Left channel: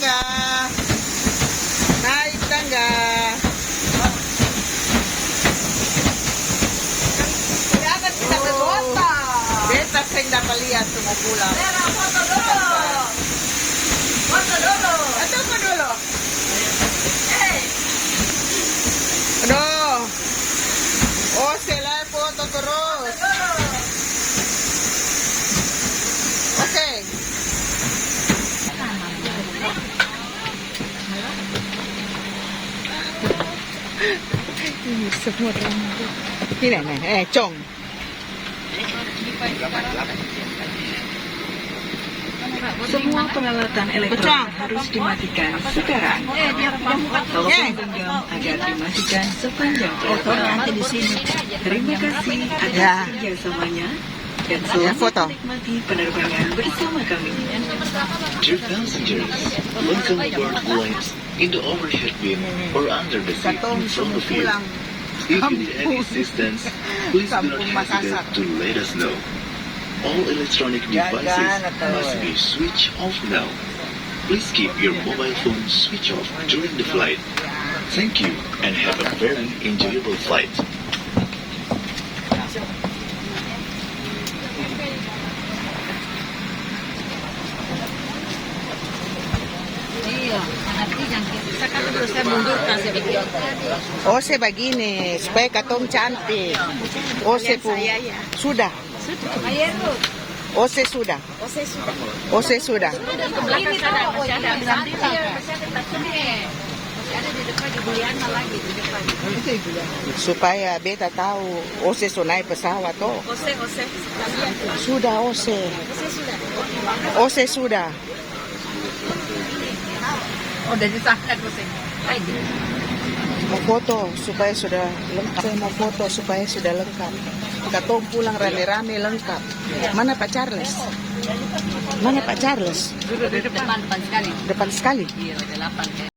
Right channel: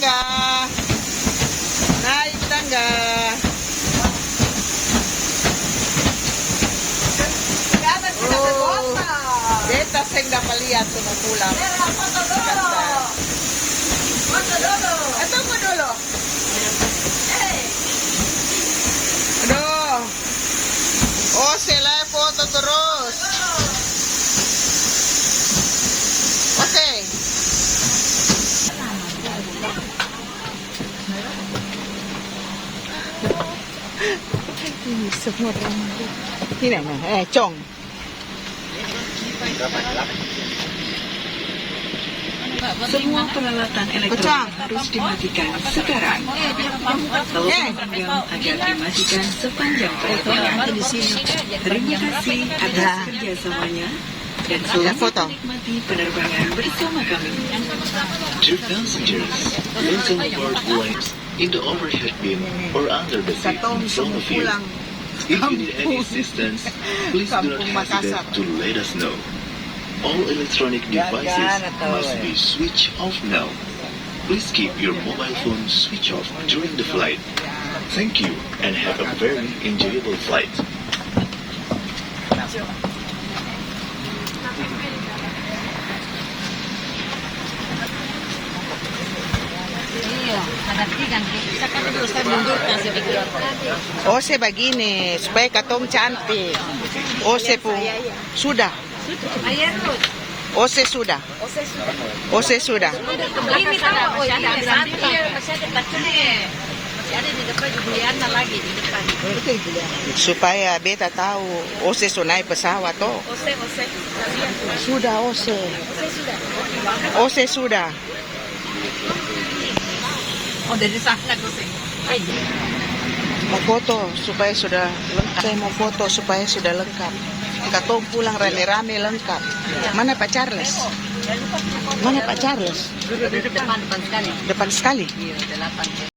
tangga. Naik tangga. Oh, beta sing dapat lihat semua pulang. Ito po dulu. Aduh. Oh, sila foto terus. Oke. Ini semua orang. Ini nih, Chong. Semua peralatan elektronik harus dimatikan sekarang. Telepon genggam agar dimatikan sepanjang penerbangan di sini. Terima kasih atas kerjasamanya dan selamat menikmati penerbangan bersama kami. Dear passengers, listen for warnings in the overhead bin or under the seat in front of you. If you need any assistance, please do not hesitate to let us know. All electronic devices must be switched off now. Please keep your mobile phone switched off during the flight. Thank you and have a very enjoyable flight. Ose begini supaya katong cantik. Ose pun sudah. Ose sudah. Ose sudah. Ini tahu masih ada takutnya. Masih ada di depan Julian lagi di depan. Supaya beta tahu Ose sunai pesawat toh. Ose. Sudah Ose. Ose sudah. Oh, dari sana Ose. Mau foto supaya sudah lengkap. Saya mau foto supaya sudah lengkap. Katong pulang rame-rame lengkap. Mana Pak Charles? Mana Pak Charles? Depan sekali. Depan sekali. Iya, 8.